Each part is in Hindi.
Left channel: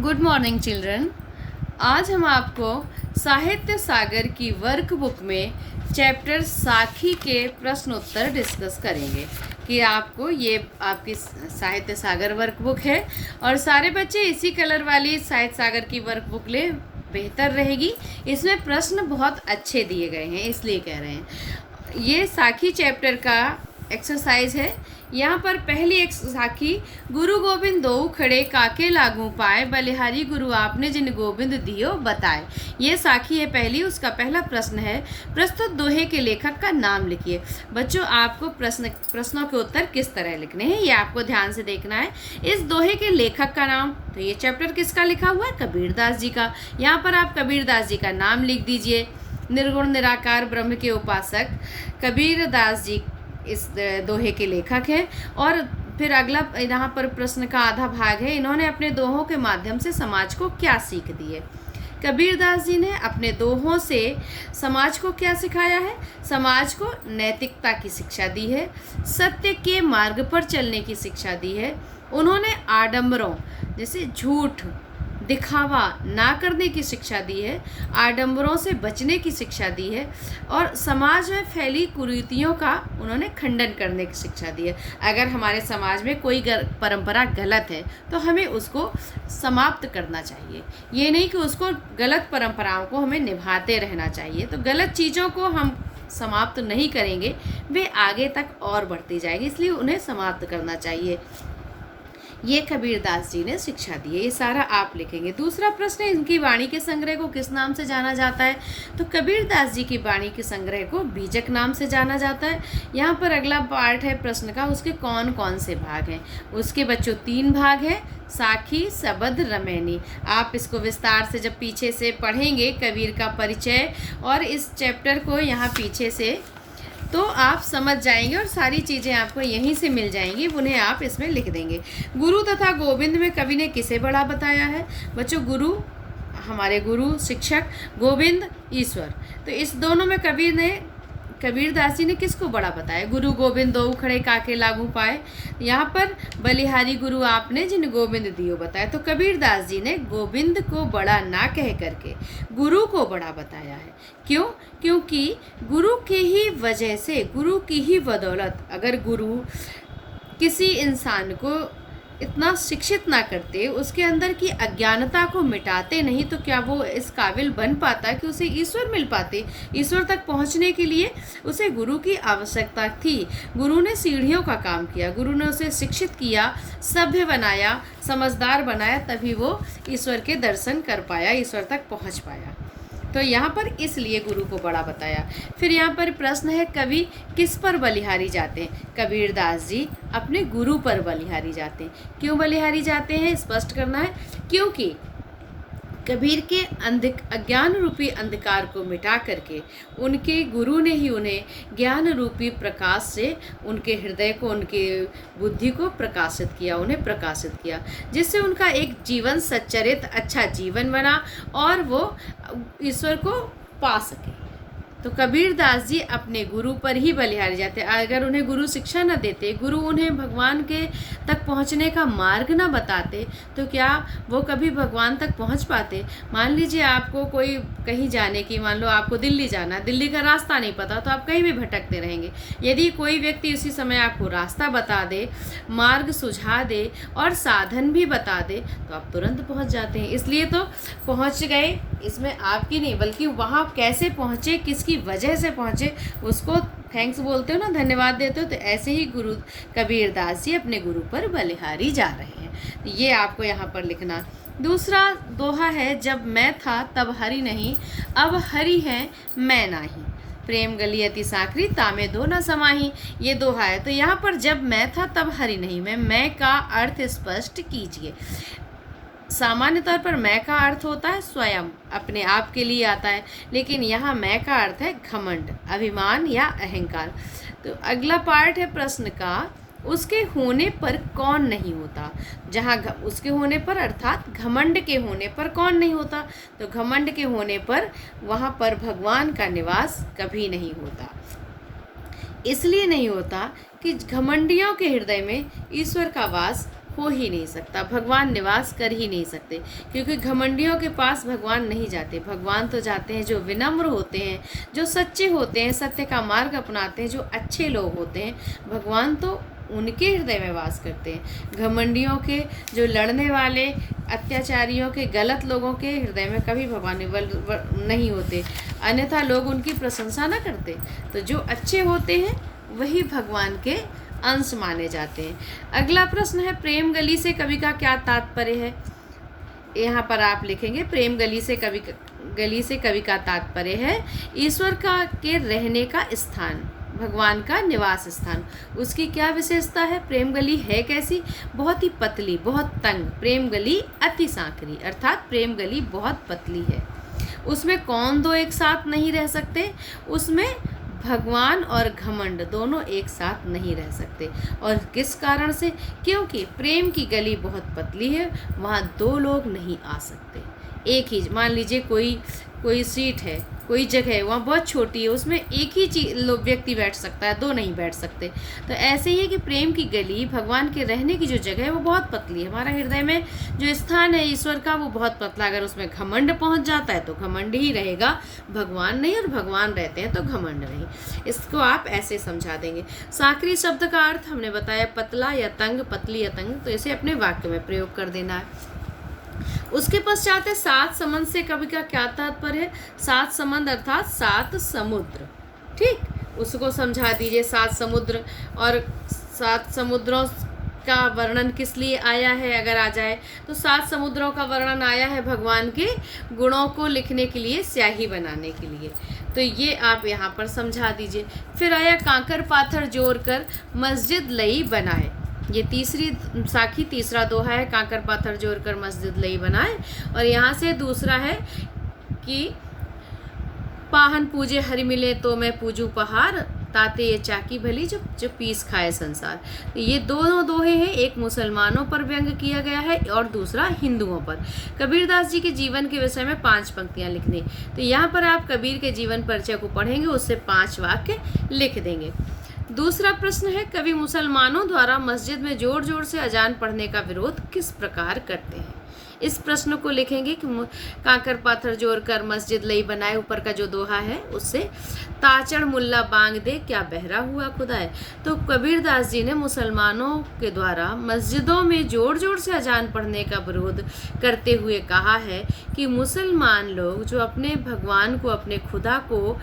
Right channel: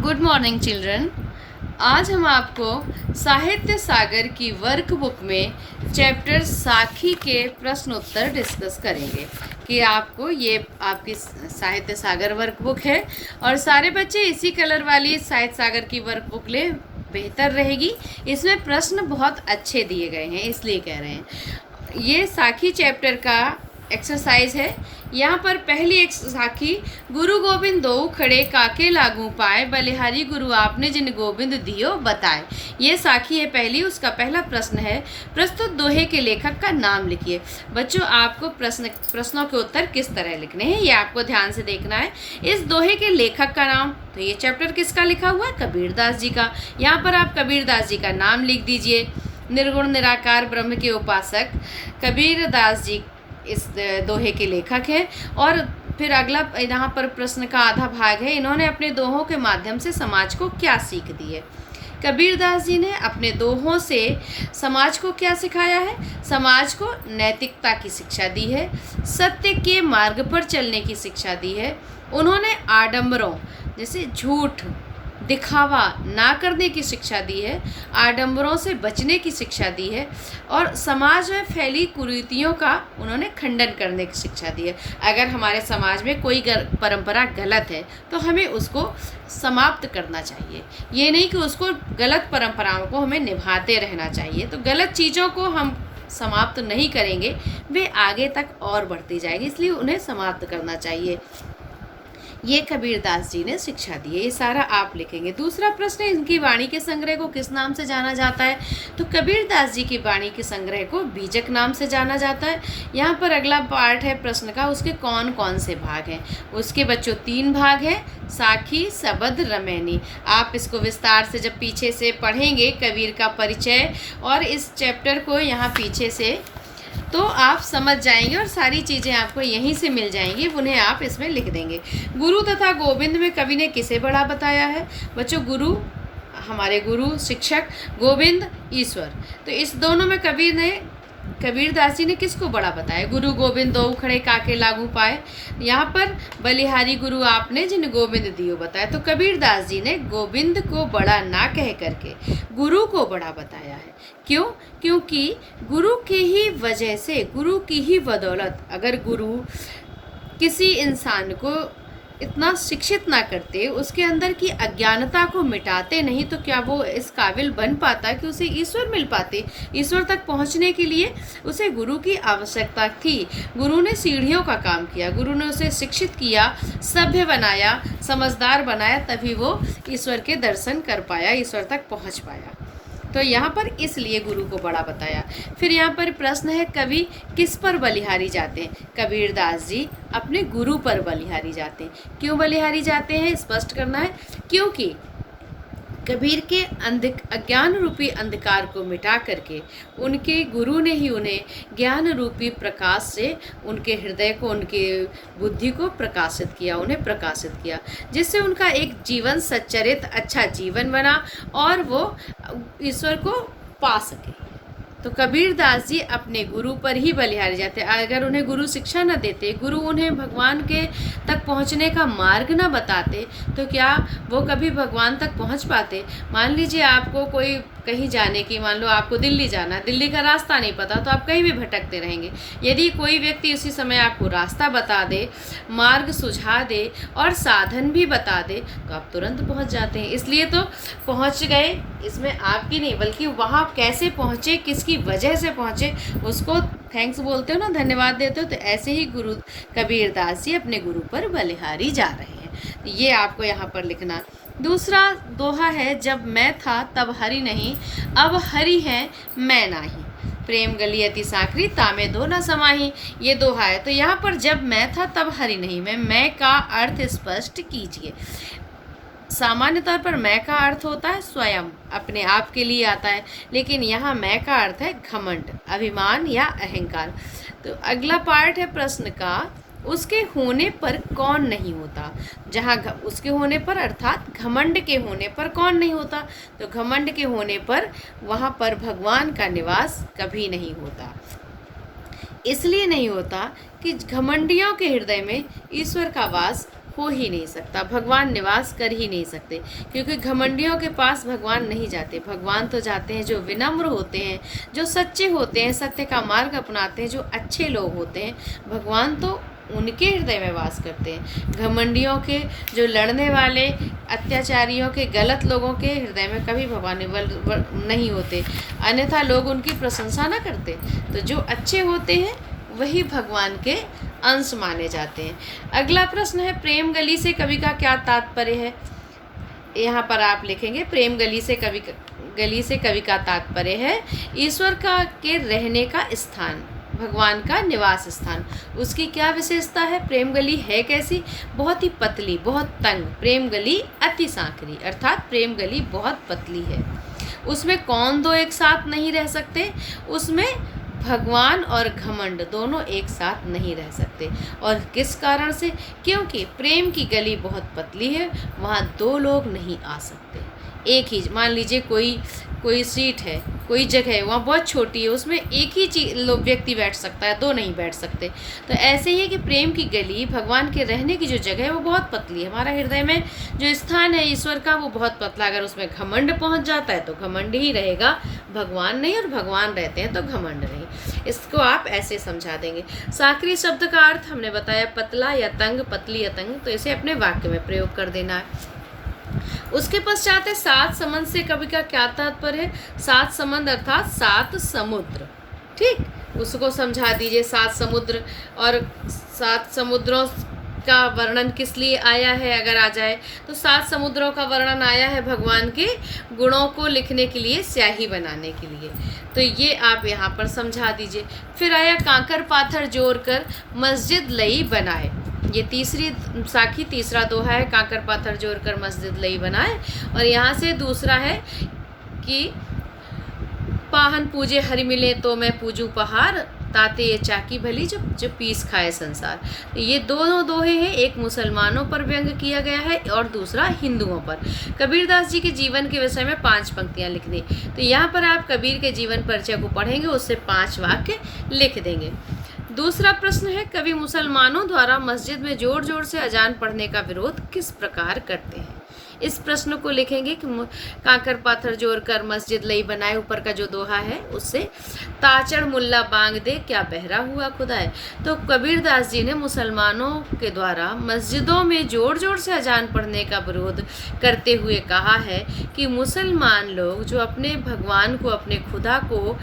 Good morning children. आज हम आपको साहित्य सागर की वर्कबुक में चैप्टर साखी के प्रश्न उत्तर डिस्कस करेंगे कि आपको ये आपकी साहित्य सागर वर्कबुक है और सारे बच्चे इसी कलर वाली साहित्य सागर की वर्कबुक ले बेहतर रहेगी। इसमें प्रश्न बहुत अच्छे दिए गए हैं, इसलिए कह रहे हैं। ये साखी चैप्टर का एक्सरसाइज है। यहाँ पर पहली एक साखी, गुरु गोविंद दो खड़े काके लागू पाए, बलिहारी गुरु आपने जिन गोविंद दियो बताए। ये साखी है पहली। उसका पहला प्रश्न है, प्रस्तुत दोहे के लेखक का नाम लिखिए। बच्चों, आपको प्रश्नों के उत्तर किस तरह लिखने हैं ये आपको ध्यान से देखना है। इस दोहे के लेखक का नाम, तो ये चैप्टर किसका लिखा हुआ है? कबीरदास जी का। यहाँ पर आप कबीरदास जी का नाम लिख दीजिए। निर्गुण निराकार ब्रह्म के उपासक कबीरदास जी इस दोहे के लेखक हैं। और फिर अगला यहाँ पर प्रश्न का आधा भाग है, इन्होंने अपने दोहों के माध्यम से समाज को क्या सीख दी है। कबीरदास जी ने अपने दोहों से समाज को क्या सिखाया है? समाज को नैतिकता की शिक्षा दी है, सत्य के मार्ग पर चलने की शिक्षा दी है। उन्होंने आडंबरों जैसे झूठ दिखावा ना करने की शिक्षा दी है, आडंबरों से बचने की शिक्षा दी है और समाज में फैली कुरीतियों का उन्होंने खंडन करने की शिक्षा दी है। अगर हमारे समाज में कोई परंपरा गलत है तो हमें उसको समाप्त करना चाहिए, ये नहीं कि उसको गलत परंपराओं को हमें निभाते रहना चाहिए। तो गलत चीज़ों को हम समाप्त नहीं करेंगे, वे आगे तक और बढ़ती जाएगी, इसलिए उन्हें समाप्त करना चाहिए। ये कबीरदास जी ने शिक्षा दी है। ये सारा आप लिखेंगे। दूसरा प्रश्न है, इनकी वाणी के संग्रह को किस नाम से जाना जाता है? तो कबीरदास जी की वाणी के संग्रह को बीजक नाम से जाना जाता है। यहाँ पर अगला पार्ट है प्रश्न का, उसके कौन कौन से भाग हैं? उसके बच्चों 3 भाग हैं, साखी, सबद, रमैनी। आप इसको विस्तार से जब पीछे से पढ़ेंगे कबीर का परिचय और इस चैप्टर को यहाँ पीछे से, तो आप समझ जाएंगे और सारी चीज़ें आपको यहीं से मिल जाएंगी, उन्हें आप इसमें लिख देंगे। गुरु तथा गोविंद में कवि ने किसे बड़ा बताया है? बच्चों, गुरु हमारे गुरु शिक्षक, गोविंद ईश्वर। तो इस दोनों में कबीरदास जी ने किसको बड़ा बताया? गुरु गोविंद दो खड़े काके लागू पाए। यहाँ पर बलिहारी गुरु आपने जिन गोविंद दियो बताया। तो कबीरदास जी ने गोविंद को बड़ा ना कह करके गुरु को बड़ा बताया है। क्यों? क्योंकि गुरु की ही वजह से, गुरु की ही बदौलत, अगर गुरु किसी इंसान को इतना शिक्षित ना करते, उसके अंदर की अज्ञानता को मिटाते नहीं, तो क्या वो इस काबिल बन पाता कि उसे ईश्वर मिल पाते? ईश्वर तक पहुंचने के लिए उसे गुरु की आवश्यकता थी। गुरु ने सीढ़ियों का काम किया, गुरु ने उसे शिक्षित किया, सभ्य बनाया, समझदार बनाया, तभी वो ईश्वर के दर्शन कर पाया, ईश्वर तक पहुँच पाया। तो यहाँ पर इसलिए गुरु को बड़ा बताया। फिर यहाँ पर प्रश्न है, कवि किस पर बलिहारी जाते हैं? कबीरदास जी अपने गुरु पर बलिहारी जाते हैं। क्यों बलिहारी जाते हैं? स्पष्ट करना है। क्योंकि कबीर के अज्ञान रूपी अंधकार को मिटा करके उनके गुरु ने ही उन्हें ज्ञान रूपी प्रकाश से उनके हृदय को, उनके बुद्धि को प्रकाशित किया, उन्हें प्रकाशित किया, जिससे उनका एक जीवन सच्चरित अच्छा जीवन बना और वो ईश्वर को पा सके। तो कबीरदास जी अपने गुरु पर ही बलिहारी जाते। अगर उन्हें गुरु शिक्षा न देते, गुरु उन्हें भगवान के तक पहुंचने का मार्ग न बताते, तो क्या वो कभी भगवान तक पहुंच पाते? मान लीजिए आपको कोई कहीं जाने की, मान लो आपको दिल्ली जाना है, दिल्ली का रास्ता नहीं पता, तो आप कहीं भी भटकते रहेंगे। यदि कोई व्यक्ति उसी समय आपको रास्ता बता दे, मार्ग सुझा दे और साधन भी बता दे, तो आप तुरंत पहुँच जाते हैं। इसलिए तो पहुँच गए, इसमें आपकी नहीं बल्कि वहाँ कैसे पहुँचे, किसकी वजह से पहुंचे, उसको थैंक्स बोलते हो ना, धन्यवाद देते हो। तो ऐसे ही गुरु कबीरदास जी अपने गुरु पर बलिहारी जा रहे हैं। ये आपको यहाँ पर लिखना। दूसरा दोहा है, जब मैं था तब हरि नहीं, अब हरि है मैं नाही, प्रेम गली अति साकरी तामे दो न समाही। ये दोहा है। तो यहाँ पर जब मैं था तब हरि नहीं में मैं का अर्थ स्पष्ट कीजिए। सामान्य तौर पर मैं का अर्थ होता है स्वयं, अपने आप के लिए आता है, लेकिन यहाँ मैं का अर्थ है घमंड, अभिमान या अहंकार। तो अगला पार्ट है प्रश्न का, उसके होने पर कौन नहीं होता? जहाँ उसके होने पर अर्थात घमंड के होने पर कौन नहीं होता? तो घमंड के होने पर वहाँ पर भगवान का निवास कभी नहीं होता। इसलिए नहीं होता कि घमंडियों के हृदय में ईश्वर का वास हो ही नहीं सकता, भगवान निवास कर ही नहीं सकते, क्योंकि घमंडियों के पास भगवान नहीं जाते। भगवान तो जाते हैं जो विनम्र होते हैं, जो सच्चे होते हैं, सत्य का मार्ग अपनाते हैं, जो अच्छे लोग होते हैं, भगवान तो उनके हृदय में वास करते हैं। घमंडियों के, जो लड़ने वाले, अत्याचारियों के, गलत लोगों के हृदय में कभी भगवान नहीं होते, अन्यथा लोग उनकी प्रशंसा न करते। तो जो अच्छे होते हैं वही भगवान के अंश माने जाते हैं। अगला प्रश्न है, प्रेम गली से कवि का क्या तात्पर्य है? यहाँ पर आप लिखेंगे, प्रेम गली से कवि का तात्पर्य है ईश्वर का के रहने का स्थान, भगवान का निवास स्थान। उसकी क्या विशेषता है? प्रेम गली है कैसी? बहुत ही पतली, बहुत तंग। प्रेम गली अति सांकरी, अर्थात प्रेम गली बहुत पतली है। उसमें कौन दो एक साथ नहीं रह सकते? उसमें भगवान और घमंड दोनों एक साथ नहीं रह सकते। और किस कारण से? क्योंकि प्रेम की गली बहुत पतली है, वहाँ दो लोग नहीं आ सकते। एक ही, मान लीजिए कोई सीट है, कोई जगह है, वहाँ बहुत छोटी है, उसमें एक ही व्यक्ति बैठ सकता है, दो नहीं बैठ सकते। तो ऐसे ही है कि प्रेम की गली, भगवान के रहने की जो जगह है वो बहुत पतली है। हमारा हृदय में जो स्थान है ईश्वर का वो बहुत पतला। अगर उसमें घमंड पहुँच जाता है तो घमंड ही रहेगा, भगवान नहीं, और भगवान रहते हैं तो घमंड नहीं। इसको आप ऐसे समझा देंगे। सांकरी शब्द का अर्थ हमने बताया, पतला या तंग, पतली या तंग। तो इसे अपने वाक्य में प्रयोग कर देना है। उसके पश्चात है, सात समंद से कवि का क्या तात्पर्य है? सात समंद अर्थात सात समुद्र। ठीक, उसको समझा दीजिए। सात समुद्र, और सात समुद्रों का वर्णन किस लिए आया है? अगर आ जाए तो सात समुद्रों का वर्णन आया है भगवान के गुणों को लिखने के लिए, स्याही बनाने के लिए। तो ये आप यहाँ पर समझा दीजिए। फिर आया, कांकर पाथर जोड़कर मस्जिद लई बनाए। ये तीसरी साखी, तीसरा दोहा है, कांकर पाथर जोड़कर मस्जिद लई बनाए। और यहाँ से दूसरा है कि पाहन पूजे हरि मिले तो मैं पूजू पहाड़, ताते ये चाकी भली जो पीस खाए संसार। ये दोनों दोहे हैं, एक मुसलमानों पर व्यंग किया गया है और दूसरा हिंदुओं पर। कबीरदास जी के जीवन के विषय में 5 पंक्तियां लिखनी। तो यहाँ पर आप कबीर के जीवन परिचय को पढ़ेंगे, उससे 5 वाक्य लिख देंगे। दूसरा प्रश्न है, कवि मुसलमानों द्वारा मस्जिद में जोर जोर से अजान पढ़ने का विरोध किस प्रकार करते हैं? इस प्रश्न को लिखेंगे कि कांकर पाथर जोड़कर मस्जिद लई बनाए, ऊपर का जो दोहा है उससे, ताचड़ मुल्ला बांग दे क्या बहरा हुआ खुदाए। तो कबीरदास जी ने मुसलमानों के द्वारा मस्जिदों में जोर जोर से अजान पढ़ने का विरोध करते हुए कहा है कि मुसलमान लोग जो अपने भगवान को, अपने खुदा को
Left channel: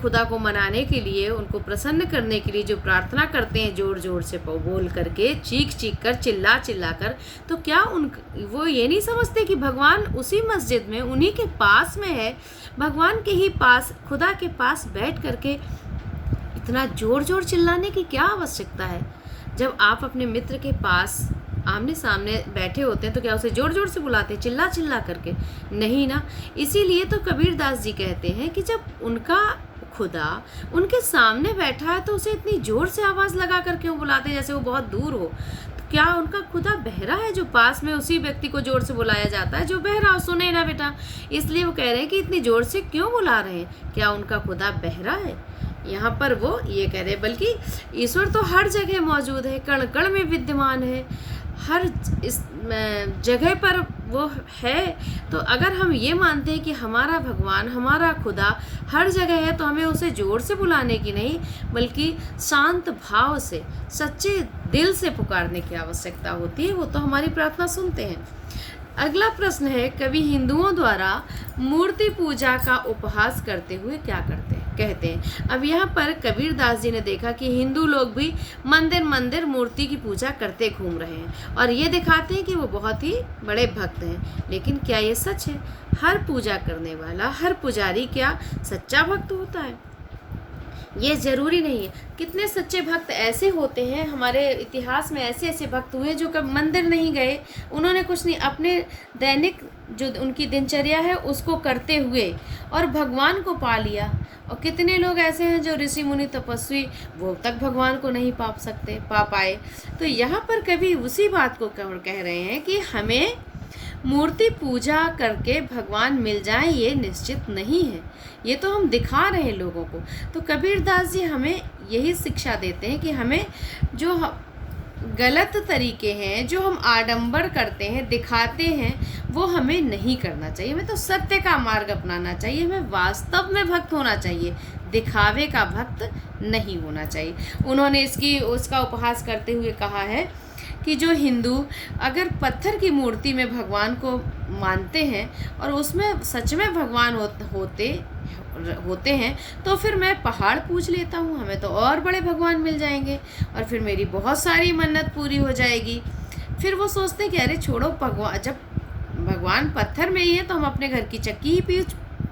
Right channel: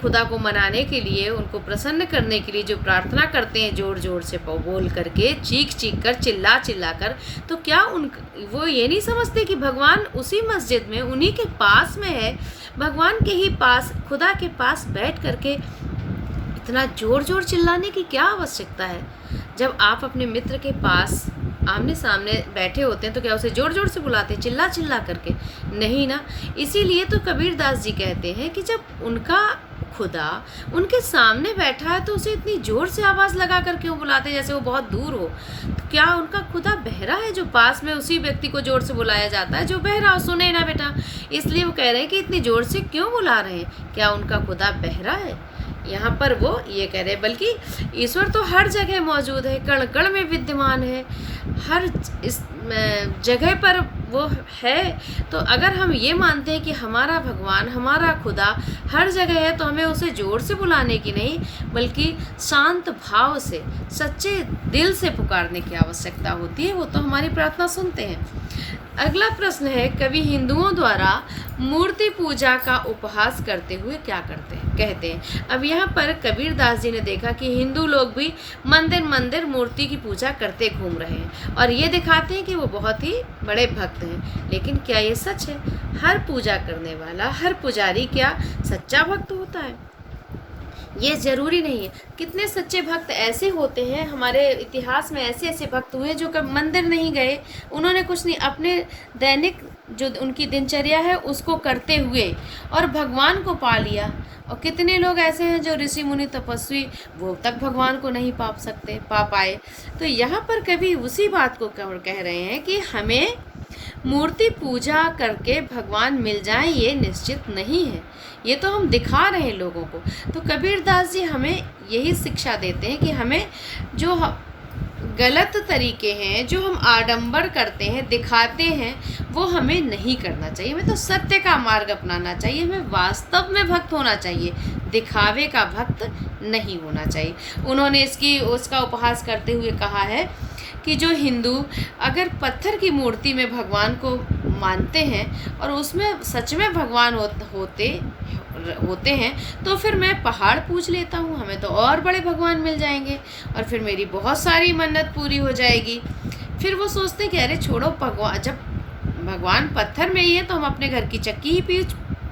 खुदा को मनाने के लिए, उनको प्रसन्न करने के लिए जो प्रार्थना करते हैं जोर जोर से बोल करके, चीख कर, चिल्ला कर, तो क्या वो ये नहीं समझते कि भगवान उसी मस्जिद में, उन्हीं के पास में है, भगवान के ही पास, खुदा के पास बैठ करके इतना जोर जोर चिल्लाने की क्या आवश्यकता है? जब आप अपने मित्र के पास आमने सामने बैठे होते हैं तो क्या उसे जोर जोर से बुलाते हैं, चिल्ला करके? नहीं ना। इसीलिए तो कबीरदास जी कहते हैं कि जब उनका खुदा उनके सामने बैठा है तो उसे इतनी जोर से आवाज़ लगा कर क्यों बुलाते, जैसे वो बहुत दूर हो? तो क्या उनका खुदा बहरा है जो पास में उसी व्यक्ति को जोर से बुलाया जाता है? जो बहरा हो सुने ना बेटा। इसलिए वो कह रहे हैं कि इतनी जोर से क्यों बुला रहे हैं, क्या उनका खुदा बहरा है? यहाँ पर वो ये कह रहे हैं, बल्कि ईश्वर तो हर जगह मौजूद है, कण कण में विद्यमान है, हर इस जगह पर वो है। तो अगर हम ये मानते हैं कि हमारा भगवान, हमारा खुदा हर जगह है, तो हमें उसे जोर से बुलाने की नहीं, बल्कि शांत भाव से, सच्चे दिल से पुकारने की आवश्यकता होती है। वो तो हमारी प्रार्थना सुनते हैं। अगला प्रश्न है, कवि हिंदुओं द्वारा मूर्ति पूजा का उपहास करते हुए क्या कहते हैं? अब यहाँ पर कबीरदास जी ने देखा कि हिंदू लोग भी मंदिर मूर्ति की पूजा करते घूम रहे हैं और ये दिखाते हैं कि वो बहुत ही बड़े भक्त हैं। लेकिन क्या ये सच है? हर पूजा करने वाला, हर पुजारी क्या सच्चा भक्त होता है? ये जरूरी नहीं है। कितने सच्चे भक्त ऐसे होते हैं, हमारे इतिहास में ऐसे भक्त हुए जो कभी मंदिर नहीं गए, उन्होंने कुछ नहीं, अपने दैनिक जो उनकी दिनचर्या है उसको करते हुए और भगवान को पा लिया। और कितने लोग ऐसे हैं जो ऋषि मुनि तपस्वी, वो तक भगवान को नहीं पा पाए। तो यहाँ पर कभी उसी बात को कह रहे हैं कि हमें मूर्ति पूजा करके भगवान मिल जाए ये निश्चित नहीं है, ये तो हम दिखा रहे हैं लोगों को। तो कबीरदास जी हमें यही शिक्षा देते हैं कि हमें जो गलत तरीके हैं, जो हम आडंबर करते हैं, दिखाते हैं, वो हमें नहीं करना चाहिए। हमें तो सत्य का मार्ग अपनाना चाहिए, हमें वास्तव में भक्त होना चाहिए, दिखावे का भक्त नहीं होना चाहिए। उन्होंने उसका उपहास करते हुए कहा है कि जो हिंदू अगर पत्थर की मूर्ति में भगवान को मानते हैं और उसमें सच में भगवान होते हैं, तो फिर मैं पहाड़ पूज लेता हूँ, हमें तो और बड़े भगवान मिल जाएंगे और फिर मेरी बहुत सारी मन्नत पूरी हो जाएगी। फिर वो सोचते कि अरे छोड़ो, भगवान जब भगवान पत्थर में ही है तो हम अपने घर की चक्की ही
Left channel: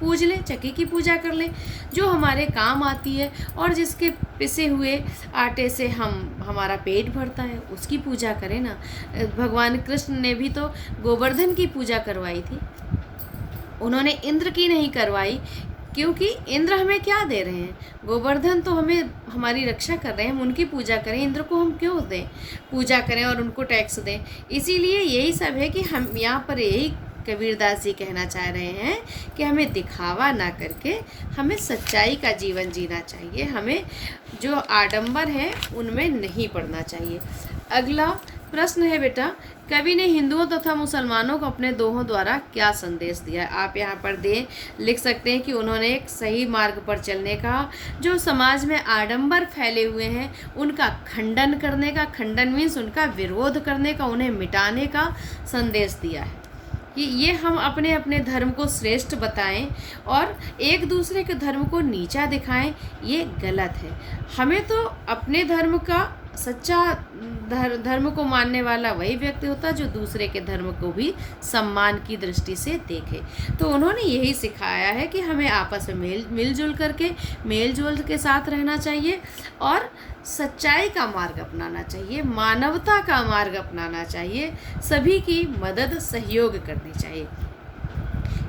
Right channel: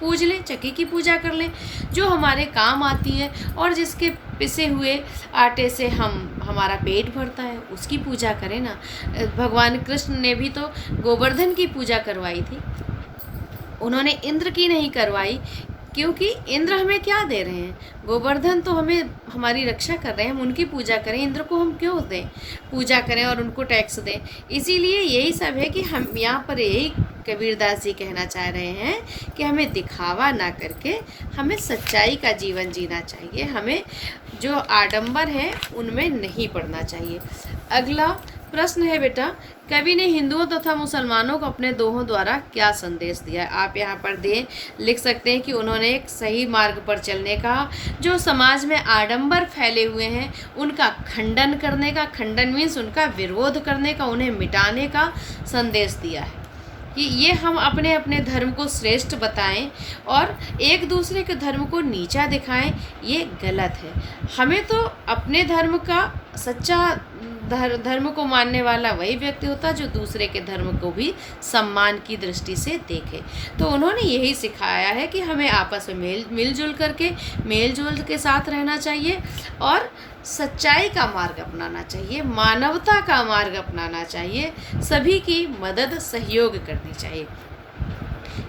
पूज लें, चक्की की पूजा कर लें, जो हमारे काम आती है और जिसके पिसे हुए आटे से हमारा पेट भरता है, उसकी पूजा करें ना। भगवान कृष्ण ने भी तो गोवर्धन की पूजा करवाई थी, उन्होंने इंद्र की नहीं करवाई, क्योंकि इंद्र हमें क्या दे रहे हैं, गोवर्धन तो हमें हमारी रक्षा कर रहे हैं, हम उनकी पूजा करें, इंद्र को हम क्यों दें पूजा करें और उनको टैक्स दें। इसीलिए यही सब है कि हम यहाँ पर यही कबीरदास जी कहना चाह रहे हैं कि हमें दिखावा ना करके हमें सच्चाई का जीवन जीना चाहिए, हमें जो आडंबर है उनमें नहीं पड़ना चाहिए। अगला प्रश्न है बेटा, कवि ने हिंदुओं तथा मुसलमानों को अपने दोहों द्वारा क्या संदेश दिया है? आप यहाँ पर लिख सकते हैं कि उन्होंने एक सही मार्ग पर चलने का, जो समाज में आडंबर फैले हुए हैं उनका खंडन करने का, खंडन मीन्स उनका विरोध करने का, उन्हें मिटाने का संदेश दिया है कि ये हम अपने अपने धर्म को श्रेष्ठ बताएं और एक दूसरे के धर्म को नीचा दिखाएं, ये गलत है। हमें तो अपने धर्म का सच्चा धर्म को मानने वाला वही व्यक्ति होता है जो दूसरे के धर्म को भी सम्मान की दृष्टि से देखे। तो उन्होंने यही सिखाया है कि हमें आपस में मेलजोल के साथ रहना चाहिए और सच्चाई का मार्ग अपनाना चाहिए, मानवता का मार्ग अपनाना चाहिए, सभी की मदद सहयोग करनी चाहिए।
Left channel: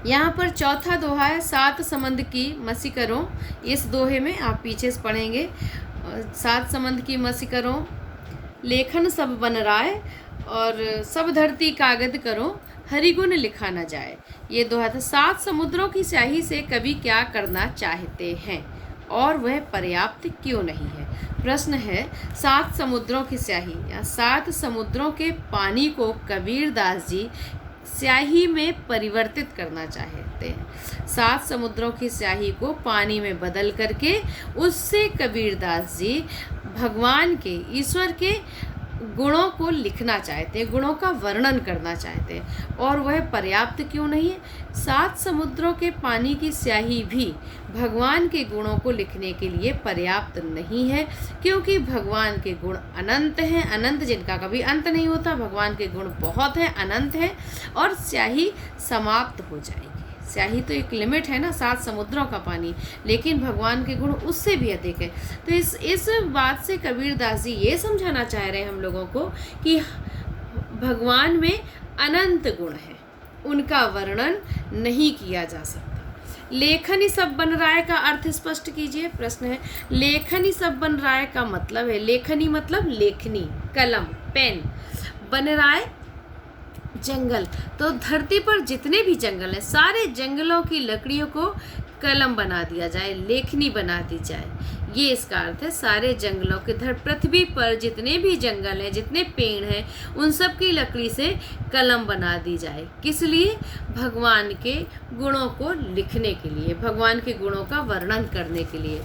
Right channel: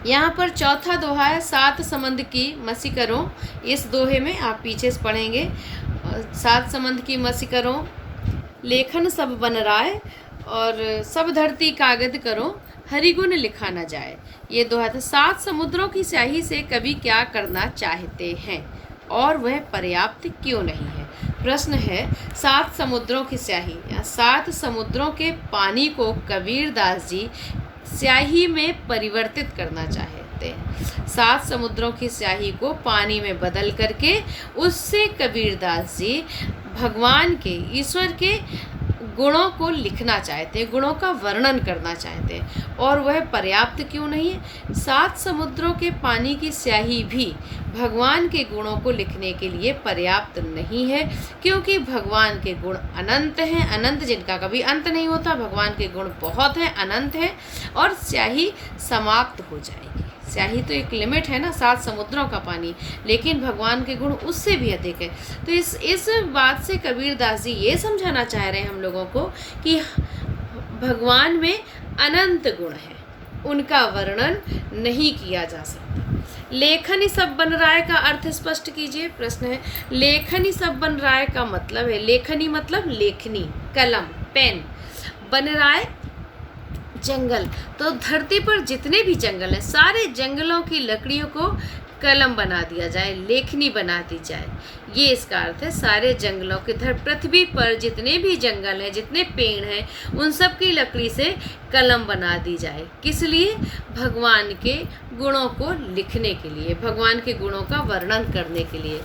यहाँ पर चौथा दोहा है, सात समंद की मसी करो। इस दोहे में आप पीछे से पढ़ेंगे, सात समंद की मसी करो, लेखन सब बन राय, और सब धरती कागज करो, हरिगुण लिखा न जाए। ये दोहा था। सात समुद्रों की स्याही से कवि क्या करना चाहते हैं और वह पर्याप्त क्यों नहीं है? प्रश्न है, सात समुद्रों की स्याही या सात समुद्रों के पानी को कबीरदास जी स्याही में परिवर्तित करना चाहते हैं। सात समुद्रों की स्याही को पानी में बदल करके उससे कबीरदास जी भगवान के, ईश्वर के गुणों को लिखना चाहते हैं, गुणों का वर्णन करना चाहते हैं और वह पर्याप्त क्यों नहीं है? सात समुद्रों के पानी की स्याही भी भगवान के गुणों को लिखने के लिए पर्याप्त नहीं है, क्योंकि भगवान के गुण अनंत हैं, अनंत जिनका कभी अंत नहीं होता। भगवान के गुण बहुत हैं, अनंत हैं और स्याही समाप्त हो जाएगी। स्याही तो एक लिमिट है ना, सात समुद्रों का पानी, लेकिन भगवान के गुण उससे भी अधिक है। तो इस बात से कबीरदास जी ये समझाना चाह रहे हैं हम लोगों को कि भगवान में अनंत गुण है, उनका वर्णन नहीं किया जा सकता। लेखन ही सब बन रहा है का अर्थ स्पष्ट कीजिए। प्रश्न है, लेखन ही सब बन रहा है का मतलब है, लेखनी मतलब लेखनी, कलम, पेन, बन रहा है जंगल। तो धरती पर जितने भी जंगल हैं, सारे जंगलों की लकड़ियों को कलम बना दिया जाए, लेखनी बना दी जाए, ये इसका अर्थ है। सारे जंगलों के पृथ्वी पर जितने भी जंगल हैं, जितने पेड़ हैं, उन सब की लकड़ी से कलम बना दी जाए। किस लिए? भगवान के गुणों को लिखने के लिए, भगवान के गुणों का वर्णन करने के लिए।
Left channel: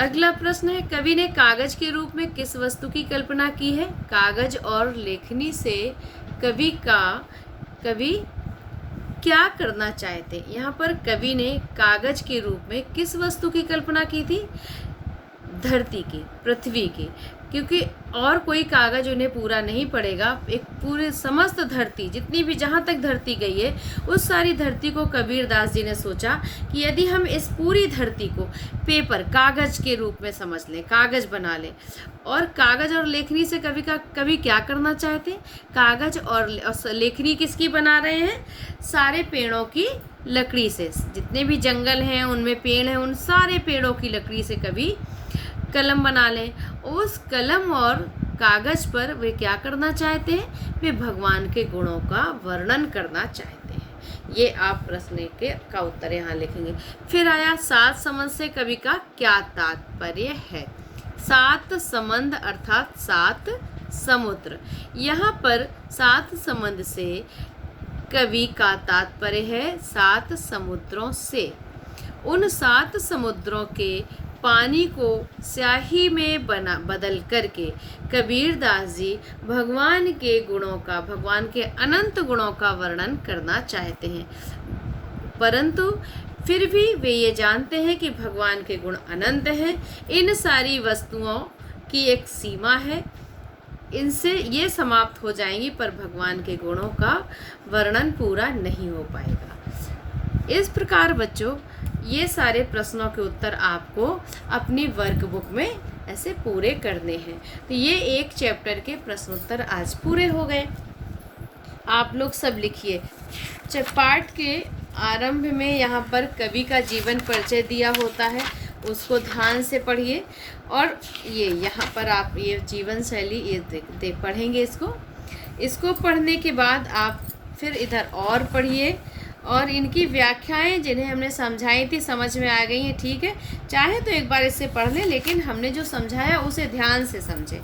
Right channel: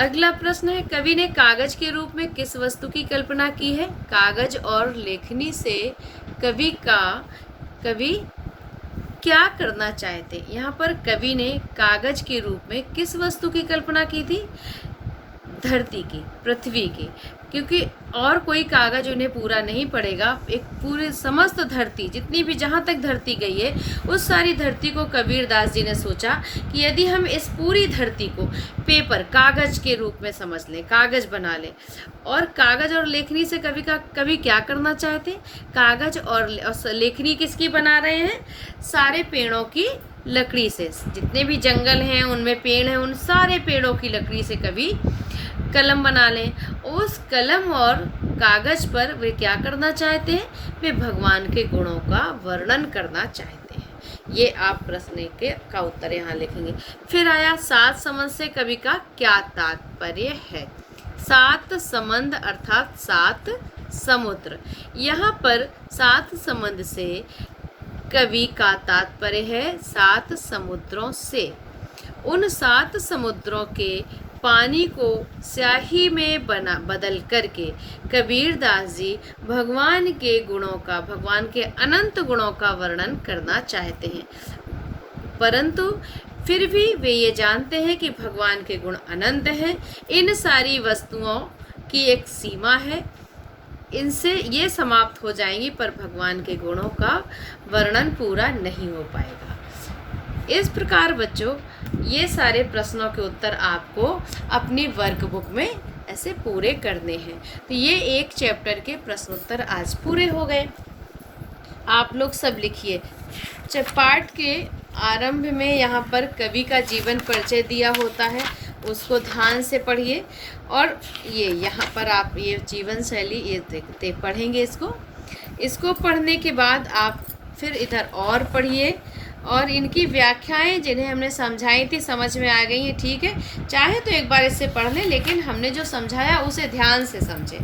अगला प्रश्न है, कवि ने कागज के रूप में किस वस्तु की कल्पना की है? कागज और लेखनी से कवि क्या करना चाहते? यहाँ पर कवि ने कागज के रूप में किस वस्तु की कल्पना की थी? धरती की, पृथ्वी की, क्योंकि और कोई कागज उन्हें पूरा नहीं पड़ेगा। एक पूरे समस्त धरती, जितनी भी जहाँ तक धरती गई है, उस सारी धरती को कबीरदास जी ने सोचा कि यदि हम इस पूरी धरती को पेपर, कागज के रूप में समझ लें, कागज बना लें, और कागज और लेखनी से कवि क्या करना चाहते हैं? कागज और लेखनी किसकी बना रहे हैं? सारे पेड़ों की लकड़ी से, जितने भी जंगल हैं उनमें पेड़ हैं, उन सारे पेड़ों की लकड़ी से कवि कलम बना लें। उस कलम और कागज पर वे क्या करना चाहते हैं? वे भगवान के गुणों का वर्णन करना चाहते हैं। ये आप प्रश्न का उत्तर यहाँ लिखेंगे। फिर आया, सात समझ से कवि का क्या तात्पर्य है? सात समंद अर्थात 7 समुद्र। यहाँ पर 7 समंद से कवि का तात्पर्य है 7 समुद्रों से। उन 7 समुद्रों के पानी को स्याही में बदल करके कबीरदास जी भगवान के गुणों का, भगवान के अनंत गुणों का वर्णन करना चाहते हैं, परंतु फिर भी वे ये जानते हैं कि भगवान के गुण अनंत हैं। इन सारी वस्तुओं की एक सीमा है, इनसे ये समाप्त हो जाएंगी, पर भगवान के गुणों का वर्णन पूरा नहीं हो पाएगा। इस प्रकार बच्चों, ये सारे प्रश्नों के उत्तर आपको अपनी वर्कबुक में ऐसे पूरे करने हैं। तो ये एक चैप्टर के प्रश्नोत्तर आज पूरे हो गए। आप लोग सब लिखिए। पाठ के आरंभ में यहाँ पर कवि का जीवन परिचय दिया होता है, उसको ध्यान से पढ़िए। और ये यहाँ पर आप ये जीवन शैली ये पढ़ेंगे। इसको पढ़ने के बाद आप फिर इधर और पढ़िए, और इनकी व्याख्याएं जिन्हें हमने समझाई थी समझ में आ गई हैं, ठीक है। चाहे तो एक बार इससे पढ़ लें, लेकिन हमने जो समझाया उसे ध्यान से समझें,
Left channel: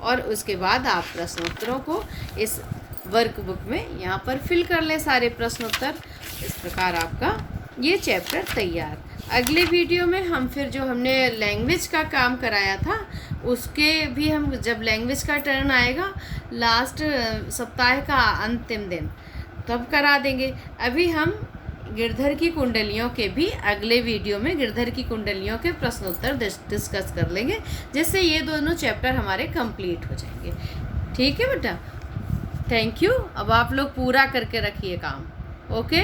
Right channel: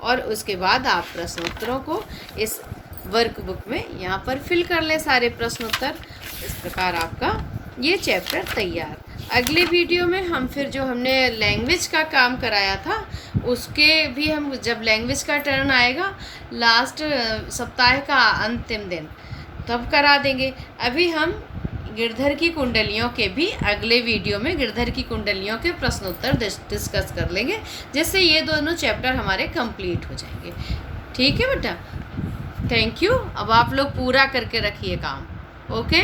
और उसके बाद आप प्रश्नोत्तरों को इस वर्कबुक में यहाँ पर फिल कर लें, सारे प्रश्नोत्तर। इस प्रकार आपका ये चैप्टर तैयार। अगले वीडियो में हम फिर जो हमने लैंग्वेज का काम कराया था उसके भी हम, जब लैंग्वेज का टर्न आएगा लास्ट सप्ताह का अंतिम दिन, तब करा देंगे। अभी हम गिरधर की कुंडलियों के भी अगले वीडियो में गिरधर की कुंडलियों के प्रश्नोत्तर डिस्कस कर लेंगे, जिससे ये दोनों चैप्टर हमारे कंप्लीट हो जाएंगे। ठीक है बेटा, थैंक यू। अब आप लोग पूरा करके रखिए काम। ओके।